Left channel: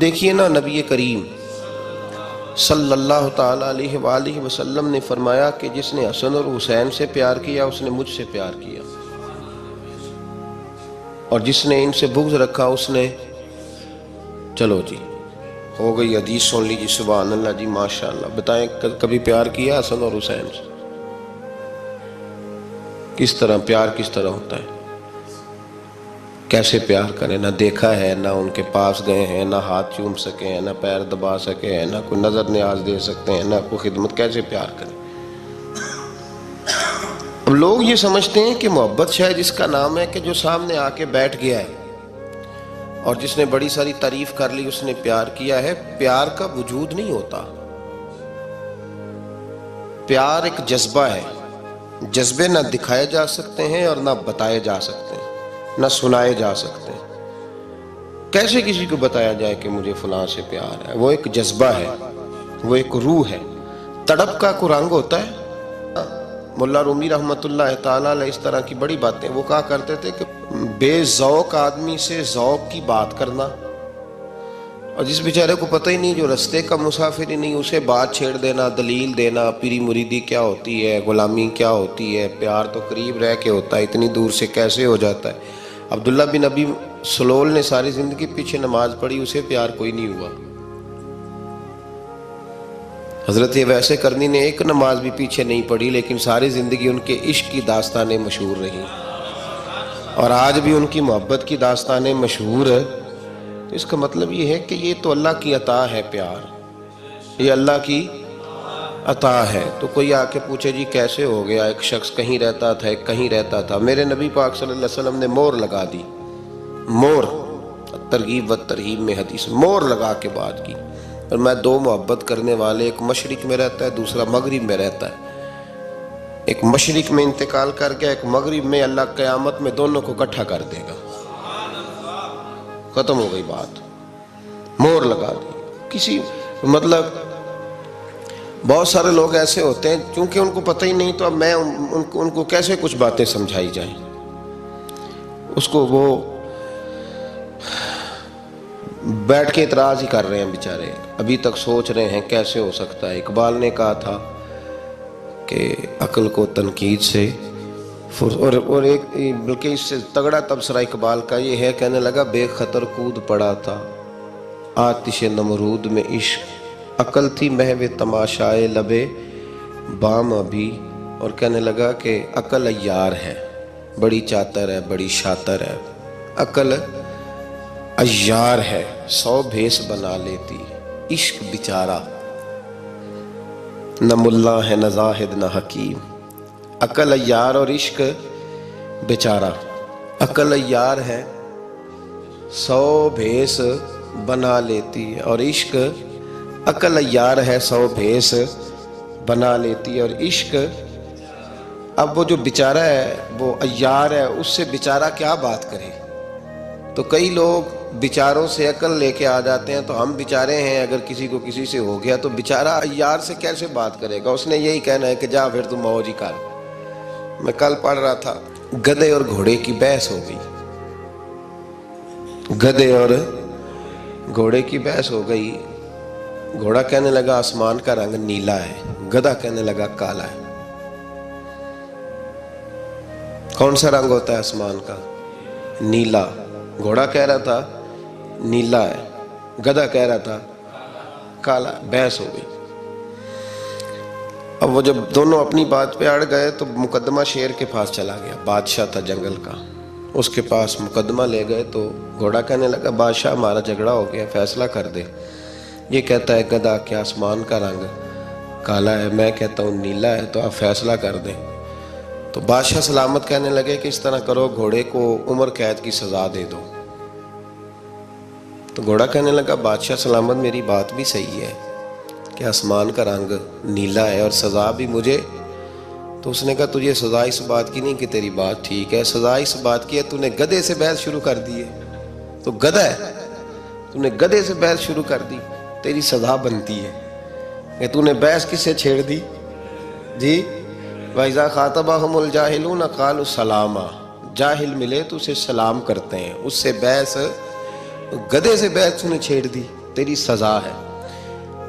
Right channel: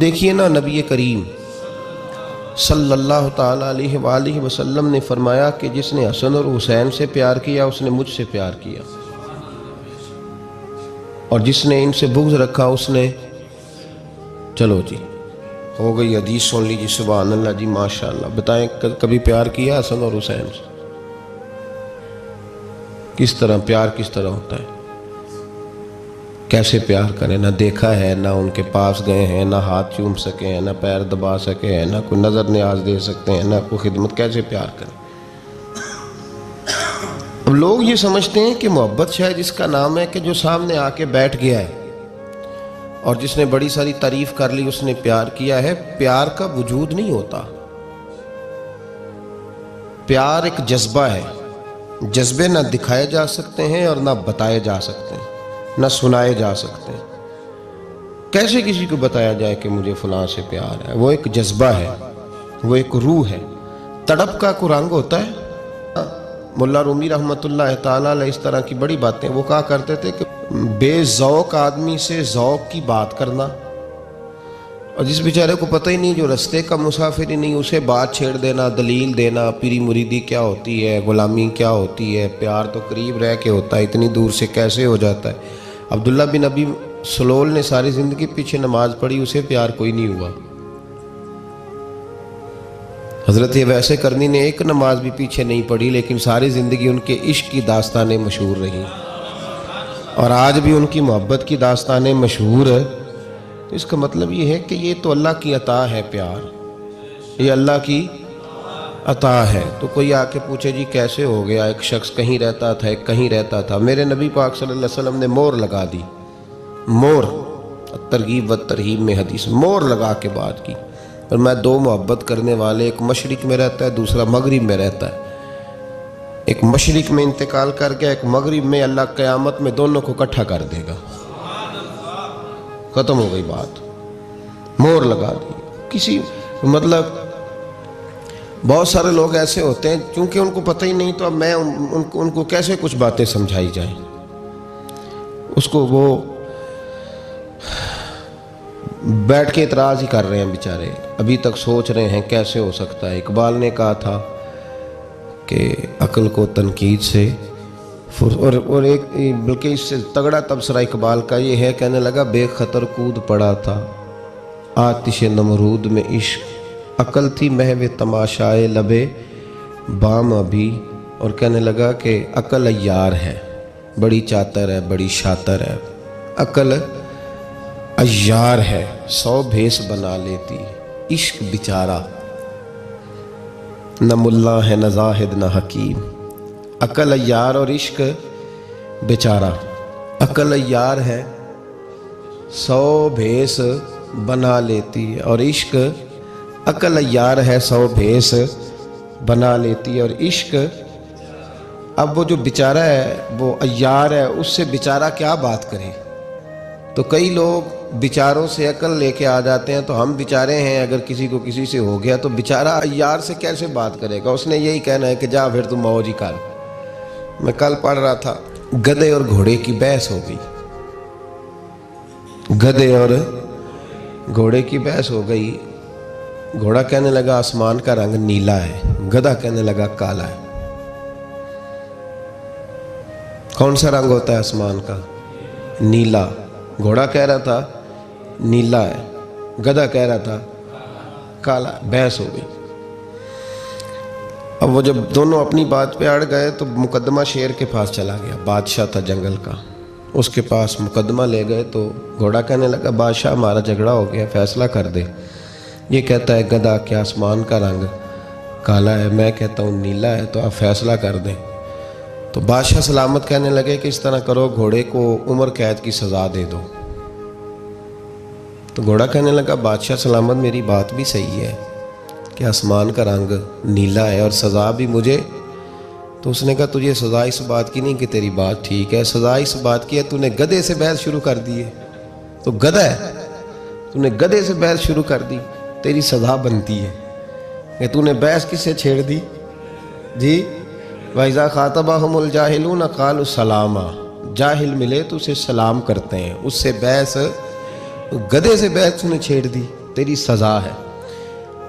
دیکھیے نا، نبی کریم صلی اللہ تعالیٰ علیہ وآلہ وسلم نے فرمایا کہ جس نے حسن اور حسین سے پیار کیا اس نے مجھ سے پیار کیا، اور جس نے ان سے بغض رکھا اس نے، چلو جی ہو گئی حدیث سن لیجیے، سبحان اللہ جی ماشاءاللہ۔ بتائیں کبھی پیار کیا حسن اور حسین سے؟ کس طرح پیار کس طرح ہوتا ہے؟ کیسے پیار کریں؟ نہ دیکھا ہے، نہ ان کے پاس گئے ہیں، نہ ہاتھ چوم سکے ہیں، نہ پیر دبا سکے ہیں، نہ کوئی نظر نیاز دے سکتے ہیں، نہ کوئی خدمت، کیسے پیار کریں؟ اب لوگ یہ سمجھتے ہیں کہ محبت شاید اس کا نام ہے کہ جو سامنے آ کے بیٹھ گیا ہے اور جس نے بڑی ساری تعریف کر لی اس نے پیار کیا ہے۔ پیار کا وجود نہیں ہوتا، پیار ایک جذبہ ہے۔ جذبے نہ دکھائے جا سکتے ہیں اور نہ بتائے جا سکتے ہیں، نہ سنائے جا سکتے ہیں۔ کیسے کسی کو بتایا جائے کہ مجھے فلاں سے پیار ہے؟ وہ ایک جذبہ ہے، وہ ایک روح ہے۔ تڑپ کا کوئی رنگ ہوتا ہے؟ مولا رومی رحمۃ اللہ تعالیٰ علیہ اس طرح کی بڑی باتیں وہ کہا کرتے تھے کہ بے ذوق آدمی سے ذوق کی بات کرنا، اور جس بیچارے کو پتہ ہی نہیں، جو رستے کا مسافر ہی نہیں، اسے بات چھیڑ دینا، دلیل دینا، پیری مریدی کیا ہوتی ہے، غلامی کیا ہوتی ہے، پیار تو قریب رہ کے ہوتا ہے، اتنی دور سے کیسے ہو جاتا ہے۔ عبداللہ بن ابی سلول نے ساری زندگی پیچھے نماز پڑھی، اسے پیار کوئی نہیں ہوا۔ حضرت ویسے کرنی نے ایک نماز بھی پیچھے نہیں پڑھی، لیکن ساری زندگی ان کے عشق کی داستانیں مشہور رہی، اور آج بھی ان کی محبت کی داستانیں مشہور ہے۔ تو اس کا مطلب یہ ہے کہ یہ تو اللہ کی عطا ہے، پیار یہ اللہ کی عطا ہے۔ تو کوئی آ کے پوچھے جی کیسے ہو گیا؟ ایک شخص کہیں رہتا تھا، ایک کہیں رہتا تھا۔ میرے نبی پاک صلی اللہ علیہ وسلم نے مور لگا دی، مور، ترغیب و ترہیب میں حدیث، مور لگا کے بات کی۔ اور میں دو محبت کرنے والے، ایک مشرق میں رہتا ہے، دوسرا مغرب میں رہتا ہے، ایک مشرق میں انتقال کر گیا، ایک مغرب میں، اللہ قیامت میں دونوں کو اکٹھا کر دے گا۔ ختم ہو گئی بات، مور لگا دی۔ کسی مطلب بہت سارے لوگ ایسے ہوتے ہیں چونکہ ان کو پتہ ہی نہیں، تو اب میں ان کو کیسے کچھ باتیں سمجھائی جائیں؟ اس کو وہ بیٹھ کے اعتراض ہی کر رہے ہیں بیچارے، ابھی تک سوچ رہے ہیں کیسے ہو سکتا ہے۔ اقبال نے کہا تھا کہ عقل کو تنقید سے، اور ایک بلکہ اس سے تگڑا تبصرہ اقبال کا یہ ہے، کہنے لگا بے خطر کود پڑا تھا آتش نمرود میں عشق، عقل تھی محو تماشائے لبے بام ابھی۔ اور کہنے لگا کہ عقل عیار ہے، بڑی چاتر ہے، بڑی شاطر ہے، عقل عیار ہے، 100 بھیس بنا لیتی، عشق بیچارہ نہ ملا ہے نہ زاہد نہ حکیم۔ عقل عیار اور عشق بیچارہ۔ عقل عیار ہے 100 بھیس بنا لیتی، اور عشق، عقل عیار ہے 100 بھیس بنا لیتی، اور عشق، اب وہ جو بیچارہ ہے وہ عیار ہے، اس سے بیچارہ کیا بات کرے؟ تو کئی لوگ بیچاروں سے عقل لے کے آ جاتے ہیں، تو ہم بیچارے ہیں، اگر کسی کو کسی سے ہو گیا تو بیچارہ عیار سے کیسے بات کرے گا؟ اس نے یہی کہنا ہے کہ جا پھر تم موج ہی کر۔ میں کل پڑھ رہا تھا، گدھے اور گھوڑے کی بحث ہو گئی، گدھے اور گھوڑے کی بحث ہو گئی۔ گھوڑا کہنے لگا آسمان کا رنگ نیلا ہے، گدھا کہنے لگا کالا ہے۔ کون سا رنگ ہوتا ہے آسمان کا؟ نیلا۔ گھوڑا کہہ رہا تھا نیلا ہے، گدھا کہہ رہا تھا کالا۔ بحث ہو گئی۔ اب وہ جب دونوں اپنی بات پہ اڑ گئے تو مقدمہ شیر کے پاس چلا گیا، بادشاہ تھا جنگل کا، اس کے پاس مقدمہ لے گئے۔ تو گھوڑا کہنے لگا بادشاہ ہمارا جھگڑا ہو گیا، فیصلہ کر دے۔ یہ کہتا ہے گدھا کہ آسمان کا رنگ کالا ہے، میں کہتا ہوں نیلا ہے، تو آپ فیصلہ کر دیں۔ تو بادشاہ سلامت کہنے لگے کہ اس طرح کرو، گھوڑے کو عمر قید کی سزا دے دو۔ تو گھوڑا کہنے لگا بادشاہ سلامت میری بات بھی صحیح ہے کہ آسمان کا رنگ نیلا ہے اور سزا بھی مجھے۔ تو اس نے کہا تجھے سزا اس بات کی نہیں کہ تیری بات ٹھیک ہے، سزا اس بات کی ہے تو نے گدھے سے بحث شروع کر دی ہے، تو گدھا ہے، تو نے گدھے سے بحث شروع کر دی، تیری سزا بنتی ہے کہ تو نے بحث کس سے چھیڑ دی؟ جی وَإِذَا خَاطَبَهُمُ الْجَاهِلُونَ قَالُوا سَلَامًا، جاہل ملے تو اسے سلام کرتے ہیں، اس سے بحث، گدھے سے بحث تو نے چھیڑ دی۔ تیری سزا ہے۔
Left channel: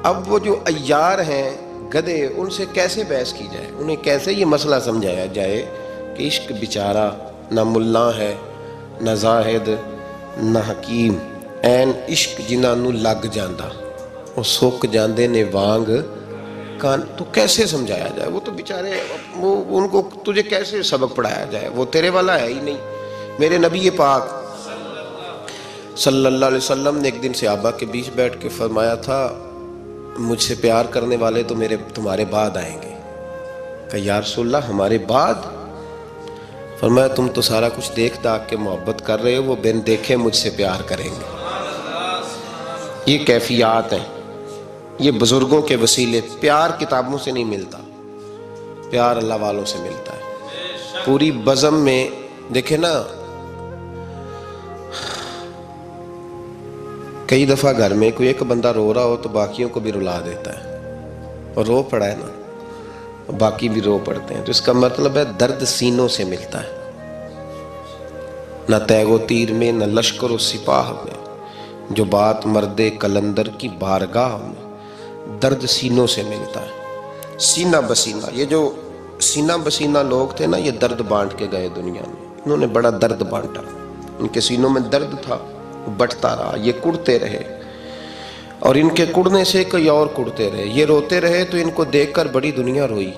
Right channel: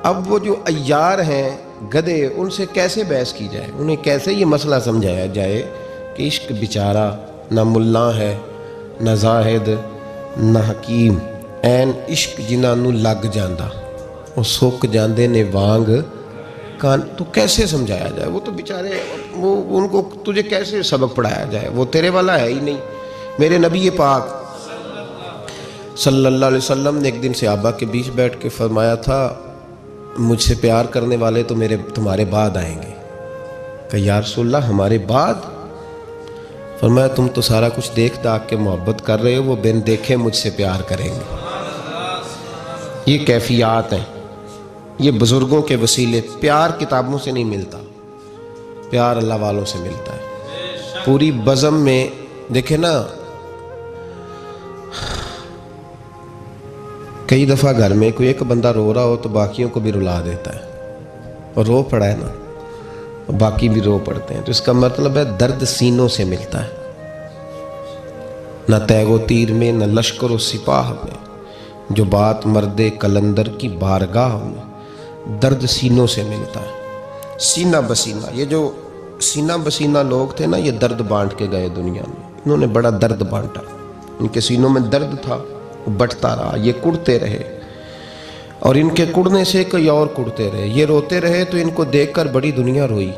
اب وہ جو عیار ہیں گدھے، ان سے کیسے بحث کی جائے، انہیں کیسے یہ مسئلہ سمجھایا جائے کہ عشق بیچارہ نہ ملا ہے نہ زاہد نہ حکیم، این عشق جنہاں نو لگ جاندہ وہ سک جاندے نے وانگ کان، تو کیسے سمجھایا جائے؟ وہ تو بیچارے، وہ ان کو تجھے کیسے سبق پڑھایا جائے؟ وہ تیرے والا ہے ہی نہیں۔ میرے نبی پاک صلی اللہ علیہ وسلم نے ایک دن صحابہ کے بیچ بیٹھ کے فرمایا تھا، مجھ سے پیار کرنے والے تو تمہارے بعد آئیں گے۔ کہ یا رسول اللہ ہمارے بعد؟ فرمایا تم تو سارا کچھ دیکھ داکھ کے محبت کر رہے ہو، وہ بن دیکھے مجھ سے پیار کریں گے۔ یہ کیفیات ہیں، یہ بزرگوں کے وسیلے۔ پیار کتابوں سے نہیں ملتا، پیار اللہ والوں سے ملتا ہے۔ پوری بزم میں دیکھیں نا، کئی دفعہ گھر میں کوئی ایک بندہ رو رہا ہو تو باقیوں کو بھی رلا دیتا ہے، اور رو پڑا ہے نا، باقی بھی رو پڑتے ہیں، تو اس کا مطلب ہے درد سینوں سے ملتا ہے۔ نہ تیغ و تیر میں، نہ لشکر و سپاہ میں، جو بات مرد کلندر کی بارگاہ میں، درد سینوں سے ملتا ہے۔ سینہ بسینہ، یہ جو سینہ بسینہ لوگ تھے نا، یہ درد بانٹ کے گئے دنیا میں، انہوں نے بڑا درد بانٹا، ان کے سینوں میں درد تھا، بٹتا رہا، یہ کڑتے رہے، اور ان کے کڑنے سے کوئی اور کڑتے رہے، یہ روتے رہے تو ان کو دیکھ کر بڑی دنیا روئی۔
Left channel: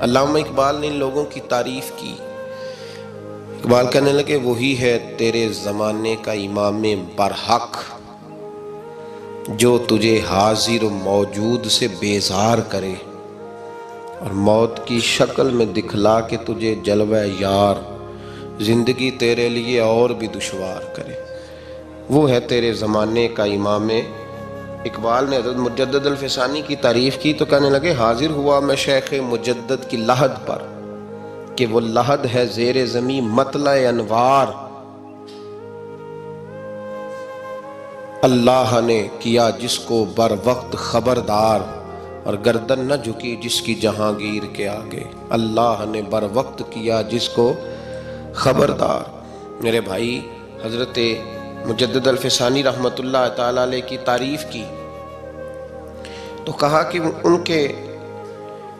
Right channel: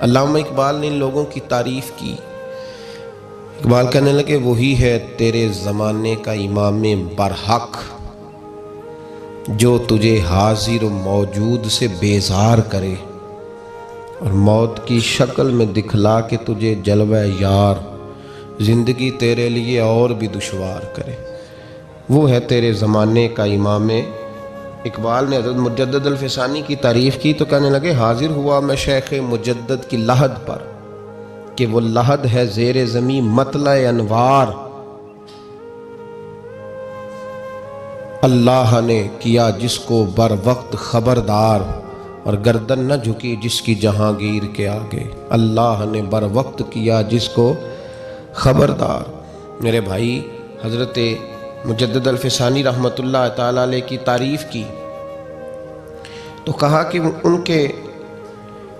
علامہ اقبال نے ان لوگوں کی تعریف کی، اقبال کہنے لگے وہی ہے تیرے زمانے کا امام برحق، جو تجھے حاضر و موجود سے بیزار کرے، اور موت کی شکل میں دکھلا کے تجھے جلوہ یار، زندگی تیرے لیے اور بھی دشوار کرے۔ وہ ہے تیرے زمانے کا امام۔ اقبال نے حضرت مجدد الفسانی کی تعریف کی تو کہنے لگے حاضر ہوا میں شیخ مجدد کی لحد پر، کہ وہ لحد ہے زیر زمین مطلع انوار، اللہ نے کیا جس کو بر وقت خبردار، اور گردن نہ جھکی جس کی جہانگیر کے آگے، اللہ نے بر وقت کیا جس کو خبردار۔ میرے بھائی، حضرت مجدد الفسانی رحمۃ اللہ تعالیٰ علیہ کی تعریف کی تو کہا کہ ان کے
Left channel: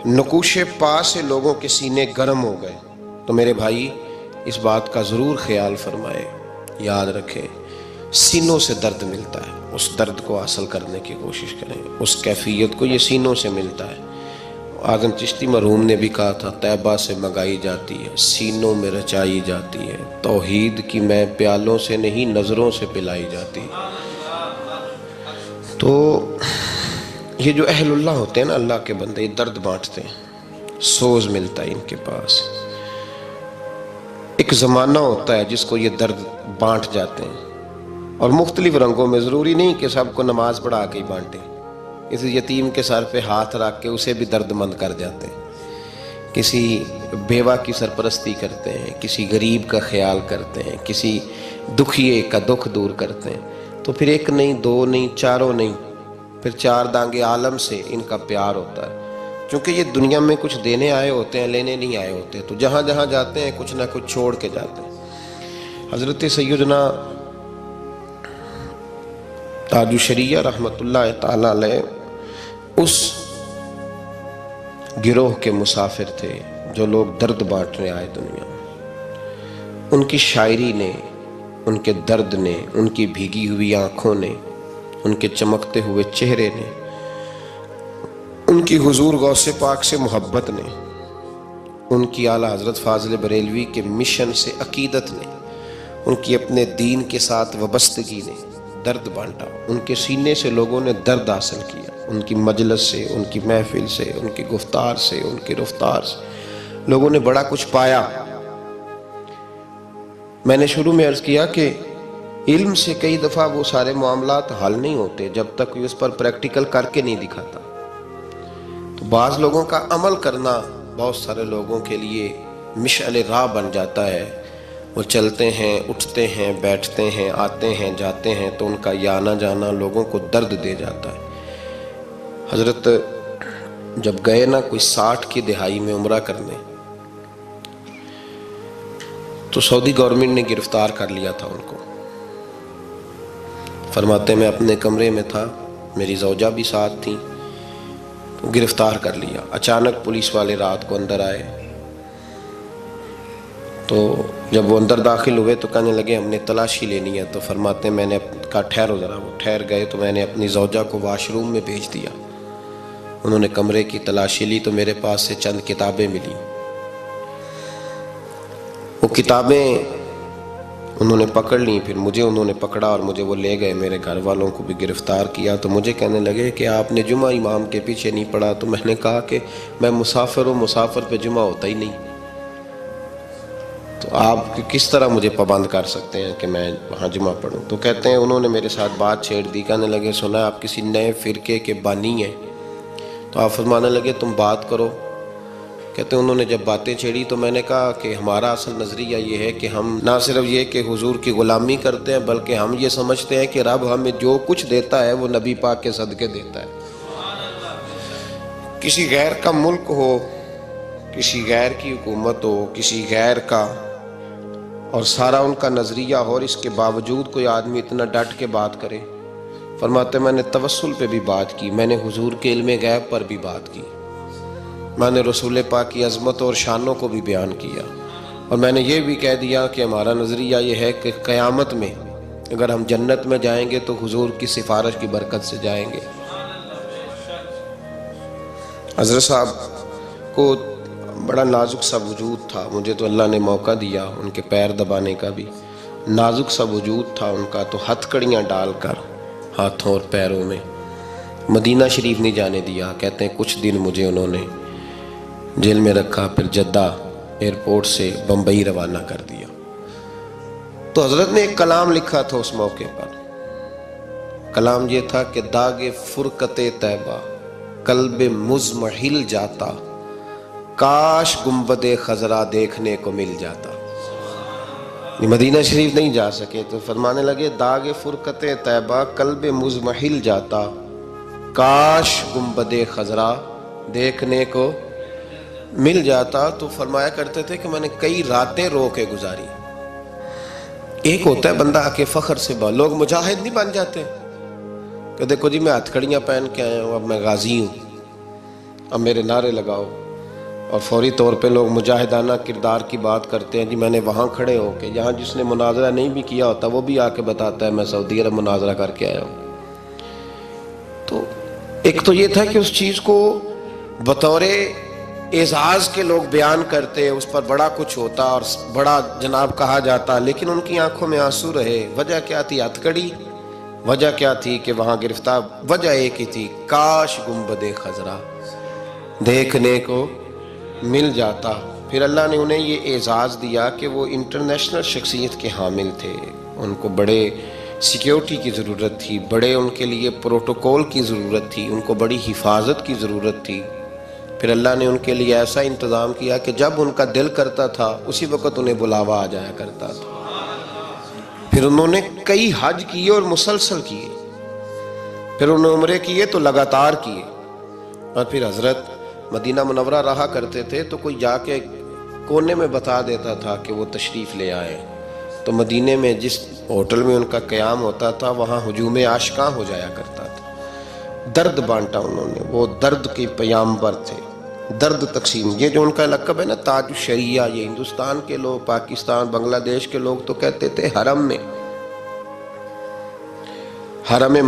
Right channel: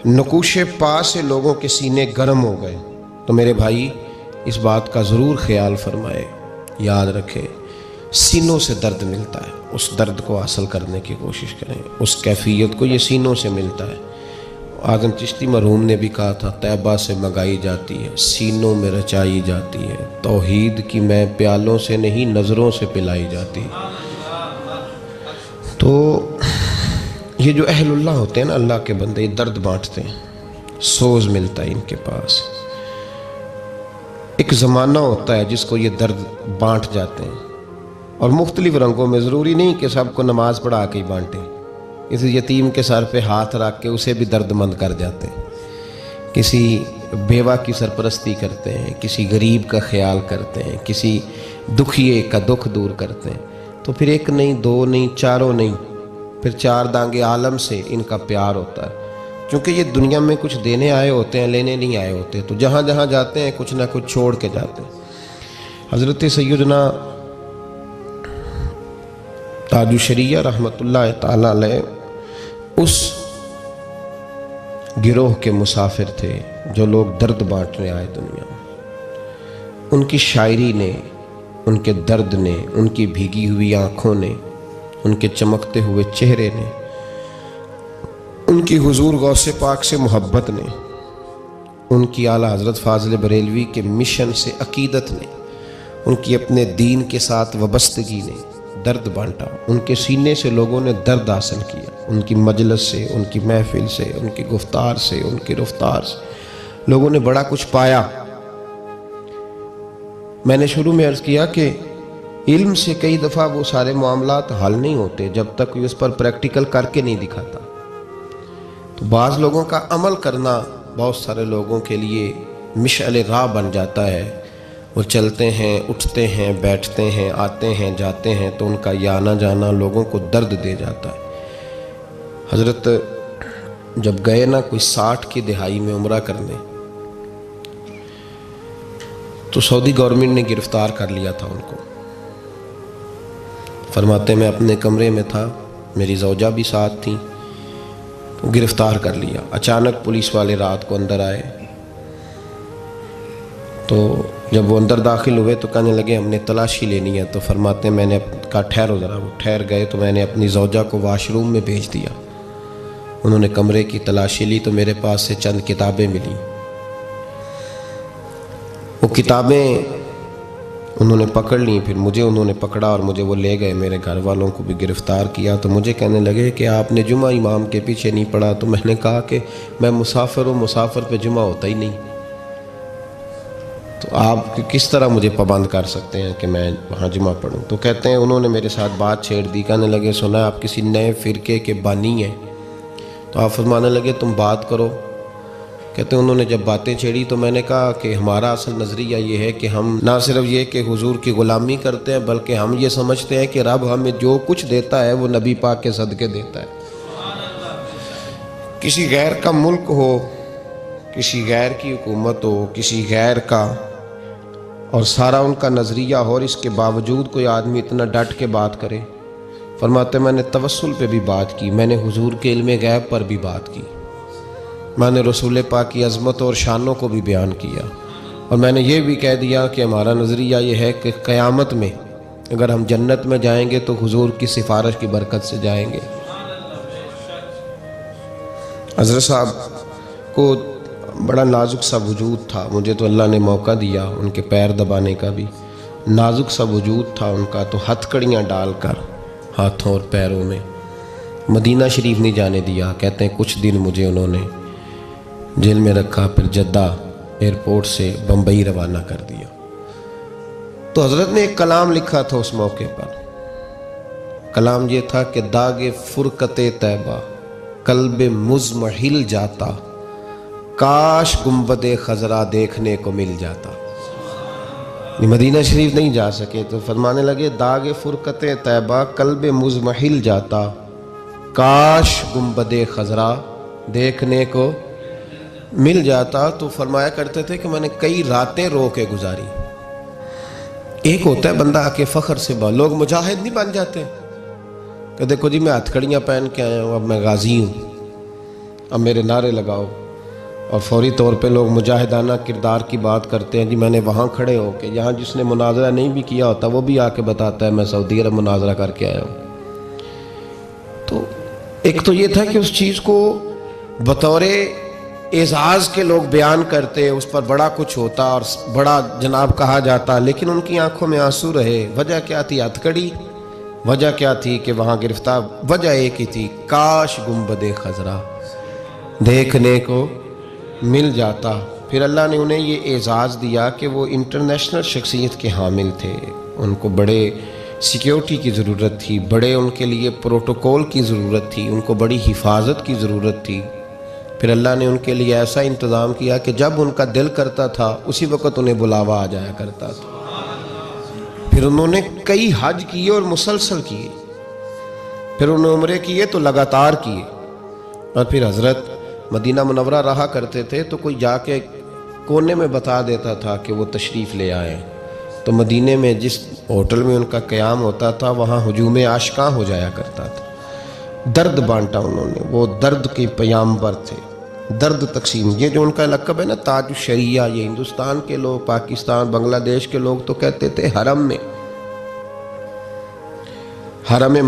نقوش پا سے لوگوں کے سینے گرم ہو گئے۔ تو میرے بھائی اس بات کا ضرور خیال فرمائے، یاد رکھیں، سینوں سے درد ملتا ہے، اس درد کو حاصل کرنے کی کوشش کریں، اس کیفیت کو، یہ سینوں سے ملتا ہے۔ اعظم چشتی مرحوم نے بھی کہا تھا طیبہ سے منگائی جاتی ہے، سینوں میں رچائی جاتی ہے، توحید کی میں پیالوں سے نہیں نظروں سے پلائی جاتی ہے۔ تو یہ جو اہل اللہ ہوتے ہیں نا، اللہ کے بندے، یہ درد بانٹتے ہیں، سوز ملتا ہے ان کے پاس۔ ایک زمانہ ہوتا ہے جس کو یہ درد بانٹ جاتے ہیں، اور مختلف رنگوں میں، ضروری نہیں کہ سب کو نماز پڑھا کے ہی بانٹیں، کسی یتیم کے سر پہ ہاتھ رکھ کے اسے بھی درد مند کر جاتے ہیں، کسی بیوہ کی سرپرستی کرتے ہیں، کسی غریب کا خیال کرتے ہیں، کسی دکھیے کا دکھ دور کرتے ہیں، تو پھر ایک نہیں، دو نہیں، چاروں نہیں، پھر چار دانگے عالم سے ان کا پیار ہوتا ہے، چونکہ یہ دنیا میں کچھ دینے آئے ہوتے ہیں، لینے نہیں آئے ہوتے، تو جہاں جہاں جاتے ہیں کچھ نہ کچھ چھوڑ کے جاتے ہیں۔ حضرت سیدنا تاج الشریعہ رحمۃ اللہ تعالیٰ علیہ اس گروہ کے مسافر تھے جو لوگ درد بانٹنے آئے دنیا میں۔ ان کی شاعری نے، ان کے درد نے، ان کی بھیگی ہوئی آنکھوں نے، ان کے چمکتے ہوئے چہرے نے، ان کی حضور غوث پاک سے محبت نے، ان کی اعلیٰ حضرت فاضل بریلوی کے مشن سے عقیدت نے، ان کی اپنے دین کے ساتھ وابستگی نے درد بانٹا۔ ان کے سینے سے لوگوں نے درد حاصل کیا، ان کی مجلس سے، ان کی محفل سے، ان کی گفتار سے، ان کی رفتار سے لوگوں نے بڑا کچھ پایا۔ میں نے شروع میں عرض کیا کہ علم سے کئی دفعہ وہ سارے معاملات حل نہیں ہوتے جب تک کوئی اس پر پریکٹیکل کر کے نہیں دکھاتا۔ تو بعض لوگوں کا عمل کرنا بہت سارے لوگوں کے لیے مشعل راہ بن جاتا ہے، وہ چلتے ہیں، اٹھتے ہیں، بیٹھتے ہیں، آتے ہیں، جاتے ہیں، تو ان کا یہ آنا جانا لوگوں کو درد دے جاتا ہے۔ حضرت جب گئے نا کوئی 60 کی دہائی میں عمرہ کرنے، تو سعودی گورنمنٹ نے گرفتار کر لیا تھا ان کو، فرماتے میں اپنے کمرے میں تھا، میری زوجہ بھی ساتھ تھیں، تو گرفتار کر لیا۔ اچانک پولیس والے رات کو اندر آئے، تو جب وہ اندر داخل ہوئے تو کہنے لگے ہم نے تلاشی لینی ہے۔ تو فرماتے میں نے کہا ٹھہرو ذرا، وہ ٹھہر گئے تو میں نے اپنی زوجہ کو واش روم میں بھیج دیا۔ انہوں نے کمرے کی تلاشی لی تو میرے پاس سے چند کتابیں ملیں۔ وہ کتابیں انہوں نے پکڑ لیں، پھر مجھے انہوں نے پکڑا اور مجھے وہ لے گئے، میرے گھر والوں کو بھی گرفتار کیا۔ تو مجھے کہنے لگے کہ آپ نے جمعہ امام کے پیچھے نہیں پڑھا۔ تو میں نے کہا کہ میں مسافر ہوں، مسافر پہ جمعہ ہوتا ہی نہیں، تو آپ کس طرح مجھے پابند کر سکتے ہیں کہ میں وہاں جمعہ پڑھوں؟ تو کہتے ہیں انہوں نے میرے ساتھ بات چھیڑ دی، کہنے لگے سنا آپ کسی نئے فرقے کے بانی ہیں۔ تو آپ فرمانے لگے تم بات کرو۔ کہتے ہیں انہوں نے جب باتیں چھیڑی تو میں نے کہا کہ ہمارا اصل نظریہ یہ ہے کہ ہم نہ صرف یہ کہ حضور کی غلامی کرتے ہیں، بلکہ ہم یہ سمجھتے ہیں کہ رب ہمیں جو کچھ دیتا ہے وہ نبی پاک کے صدقے دیتا ہے۔ کسی غیر کا ملک ہو، کسی غیر کی حکومت ہو، کسی غیر کا، اور سارا ان کا نظریہ ہو، اور اس کے باوجود کوئی آدمی اتنا ڈٹ کے بات کرے۔ فرماتے میں نے توسل پہ بھی بات کی، میں نے حضور کے علم غیب پر بھی بات کی، میں نے رسول پاک کی عظمت اور شانوں کو بھی بیان کیا، اور میں نے یہ بھی کہہ دیا کہ ہمارا نظریہ یہ ہے کہ قیامت میں اگر ہم جنت میں جائیں گے تو حضور کی سفارش کی برکت سے جائیں گے۔ حضرت صاحب کو بڑا نازک سا وجود تھا، مجھے تو اللہ نے موقع دیا ان کے پیر دبانے کا بھی، نازک سا وجود تھا ان کا، تو ہتھ کڑیاں ڈال کر ہاتھوں اور پیروں میں مدینہ شریف نہیں جانے دیا۔ کہتے ہیں کچھ دن مجھے انہوں نے جیل میں رکھا، پھر جدہ ایئرپورٹ سے بمبئی روانہ کر دیا۔ تو حضرت نے ایک کلام لکھا تھا اس موقع پر، کلام یہ تھا کہ داغ فرقت طیبہ قلب مضمحل جاتا، کاش گنبد خضرا دیکھنے کو مل جاتا۔ مدینہ شریف نہیں جا سکے تو فرمانے لگے داغ فرقت طیبہ قلب مضمحل جاتا، کاش گنبد خضرا دیکھنے کو مل جاتا۔ تو فرمایا کرتے تھے کہ میں نے کئی راتیں رو کے گزاری۔ ایک ہوتا ہے بندہ آ کے فخر سے لوگ مجاہد نہیں بن جاتے کہ دیکھو جی میں ہتھ کڑیاں پہن کے آیا ہوں، اب میں غازی ہوں، اب میرے نعرے لگاؤ، اور فوری طور پہ لوگ مجاہدانہ کردار کی بات کرتے ہیں۔ جی میں نے وہاں کھڑے ہو کے، جہاں جس نے مناظرہ نہیں بھی کیا ہوتا وہ بھی آ کے بتاتا ہے میں سعودی عرب مناظرہ کر کے آیا ہوں۔ تو ایک تو یہ تھا کہ اس چیز کو بطور اعزاز کے لوگ بیان کرتے، اس پر بڑا کچھ ہوتا اور بڑا جناب کہا جاتا، لیکن ان کی آنکھوں میں آنسو رہے۔ وجہ کیا تھی؟ ہتھ کڑی۔ وجہ کیا تھی کہ وہاں گرفتار؟ وجہ ایک ہی تھی، کاش گنبد خضرا دیکھنے کو مل جاتا۔ پھر اللہ نے انہیں یہ اعزاز دیا کہ وہ انٹرنیشنل شخصیت کے حامل تھے، ان کو بڑے سیکیورٹی کی ضرورت تھی، بڑے ان کے لیے پروٹوکول کی ضرورت تھی، ان کو بڑی حفاظت کی ضرورت تھی۔ پھر اللہ نے ان کے لیے ایسا انتظام کیا کہ جب ان کا دل کرتا تھا اسی وقت انہیں بلاوا آ جایا کرتا تھا۔ پھر انہوں نے کئی حج کیے اور مسلسل کیے، پھر انہوں نے عمرے کیے تو لگاتار کیے، اور پھر حضرت مدینہ منورہ رہا کرتے تھے تو کوئی جا کے کونے میں بتا دیتا تھا کہ وہ تشریف لے آئے، تو مدینے میں جس ہوٹل میں ان کا قیام ہوتا تھا وہاں ہجوم عاشقاں ہو جایا کرتا تھا۔ درد بانٹا انہوں نے، وہ درد کے پیامبر تھے، درد تقسیم۔ یہ جو ان کا لقب ہے نا تاج الشریعہ، یہ ہندوستان کے لوگ، پاکستان، بنگلہ دیش کے لوگ تو کہتے تھے حرم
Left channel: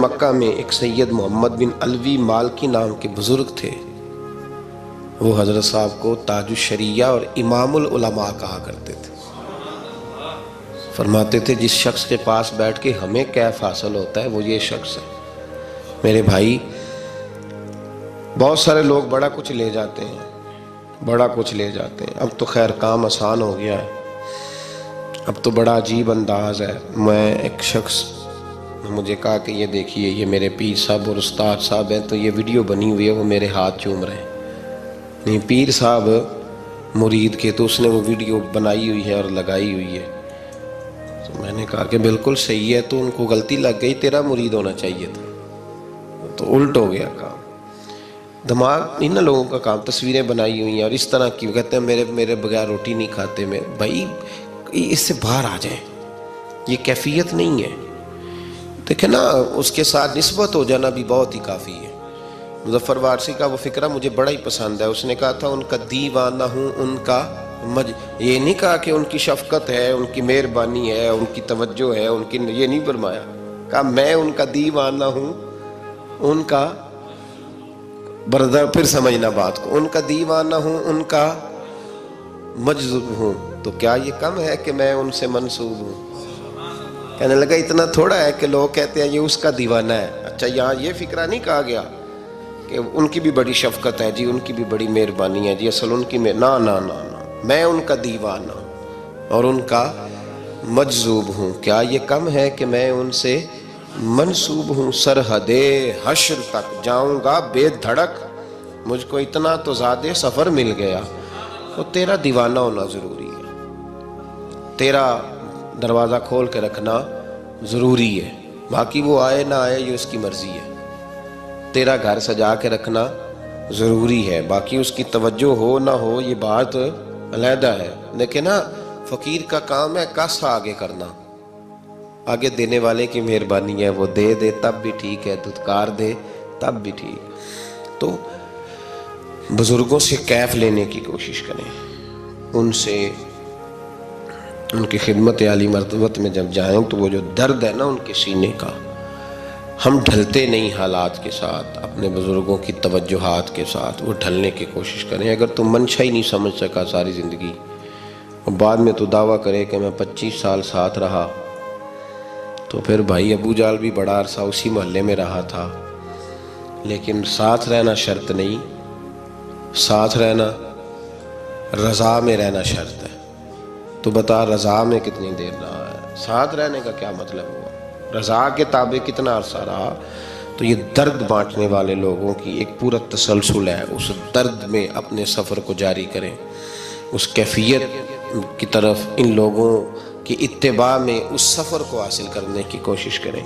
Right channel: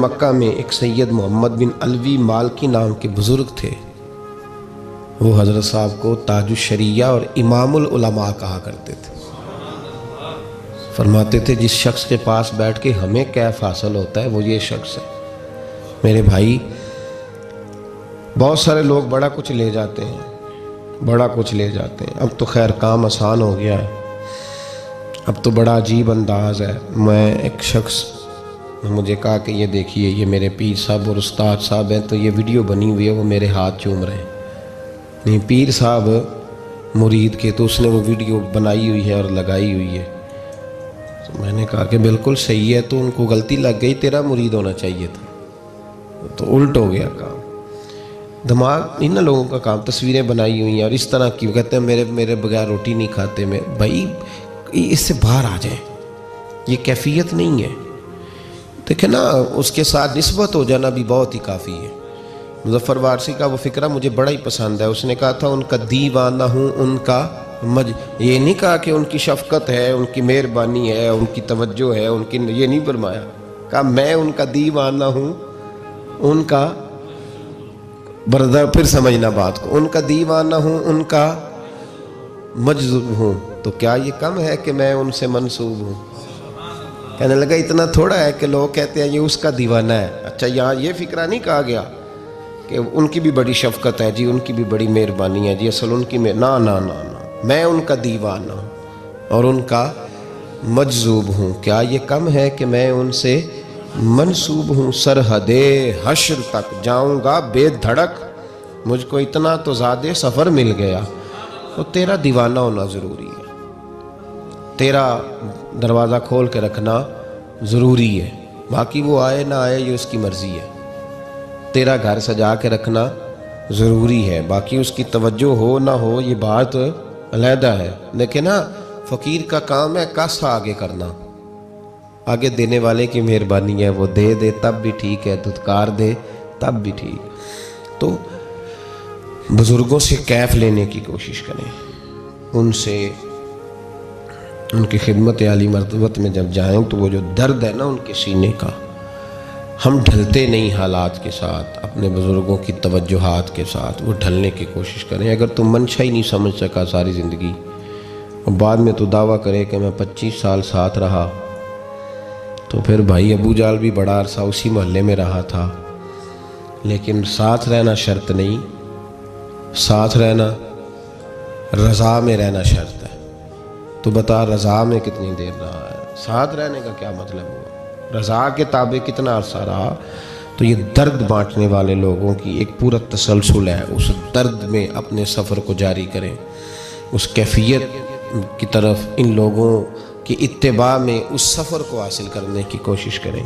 مکہ میں ایک سید محمد بن علوی مالکی نام کے بزرگ تھے، وہ حضرت صاحب کو تاج الشریعہ اور امام العلماء کہا کرتے تھے۔ فرماتے تھے جس شخص کے پاس بیٹھ کے ہمیں کیف حاصل ہوتا ہے وہ یہ شخص ہے۔ میرے بھائی بہت سارے لوگ بڑا کچھ لے جاتے ہیں، بڑا کچھ لے جاتے ہیں۔ اب تو خیر کام آسان ہو گیا ہے، اب تو بڑا عجیب انداز ہے۔ میں ایک شخص نے مجھے کہا کہ یہ دیکھیے یہ میرے پیر صاحب اور استاد صاحب ہیں، تو یہ ویڈیو بنی ہوئی ہے، وہ میرے ہاتھ چوم رہے ہیں۔ نہیں پیر صاحب مرید کے، تو اس نے وہ ویڈیو بنائی ہوئی ہے اور لگائی ہوئی ہے۔ تو میں نے کہا کہ بالکل صحیح ہے، تو ان کو غلطی لگ گئی، تیرا مرید ہونا چاہیے تھا، تو الٹ ہو گیا کام۔ دماغ ان لوگوں کا کام، تصویریں بنائی ہوئی ہیں اور اس طرح کی، کہتے ہیں میرے بغیر روٹی نہیں کھاتے میں۔ بھائی اس سے باہر آ جائیں، یہ کیفیت نہیں ہے۔ دیکھیں نا، اس کے ساتھ نسبت ہو جانا بھی بہت ہی کافی ہے۔ مظفر وارثی کا وہ فقرہ مجھے بڑا ہی پسند ہے، اس نے کہا تھا ان کا دیوانہ ہوں، ان کا یہ نہیں کہا کہ ان کی شفقت ہے، ان کی مہربانی ہے، ان کی توجہ ہے، ان کی، یہ نہیں فرمایا، کہا میں ان کا دیوانہ ہوں، ان کا بردار، پھر سمجھنا بات کو، ان کا دیوانہ ہوں، ان کا مجذوب ہوں، تو کیا یہ کم ہے کہ میں ان سے منسوب ہوں؟ کہنے لگا اتنا تھوڑا ہے کہ لوگ کہتے ہیں یہ اس کا دیوانہ ہے۔ اچھا، یہاں یہ فکرہ نہیں کہا گیا کہ ان کی بھی بڑی شفقت ہے جی، ان کی بھی بڑی مہربانی ہے جی، اصل ان کی نا نا نا نا، میں ان کا دیوانہ ہوں اور ان کا مجذوب ہوں، کیا یہ کم ہے کہ میں ان سے منسوب ہوں؟ سرحد حشر تک جاؤں گا بے دھڑک، مجھ کو اتنا تو زیادہ سفر مل گیا۔ تو تیرا دیوانہ ہونا ضروری ہے، تیرا دروازہ کھول کے رکھنا ضروری ہے، باقی وہ آئے نہ آئے یہ اس کی مرضی ہے۔ تیرا گھر سجا کے رکھنا ضروری ہے، باقی اس کی توجہ ہو نہ ہو یہ بات علیحدہ ہے۔ لیکن نا، فقیر کا کام ہے کس آگے کرنا، آگے دینے والے کی مہربانی ہے، وہ دے دے تب بھی ٹھیک ہے، دھتکار دے تب بھی ٹھیک۔ تو بزرگوں سے کیف لینے کی کوشش کریں، ان سے، ان کی خدمت عالی مرتبت میں جب جائیں تو وہ جو درد ہے نا ان کے سینے کا، ہم ڈھلتے نہیں حالات کے ساتھ، اپنے بزرگوں کی توجہات کے ساتھ وہ ڈھلنے کی کوشش کریں۔ اگر تم منشا ہی نہیں سمجھ سکا ساری زندگی، اور بعد میں تو دعویٰ کرے کہ میں 25 سال ساتھ رہا، تو پھر بھائی ابو جال بھی بڑا عرصہ اسی محلے میں رہا تھا، لیکن ساتھ رہنا شرط نہیں، ساتھ رہنا، رضا میں رہنا شرط ہے۔ تو بتا رضا میں کتنی دیر رہا ہے؟ ساتھ رہنے کا کیا مطلب ہوا؟ رضا کے تابع کتنا عرصہ رہا؟ تو یہ درد بانٹنے والے لوگوں کی ایک پورا تسلسل ہے، اس درد میں اپنے سفر کو جاری کریں، اس کیفیت کی طرف ان لوگوں کی اتباع میں اس سفر کو حاصل کرنے کی کوشش کریں۔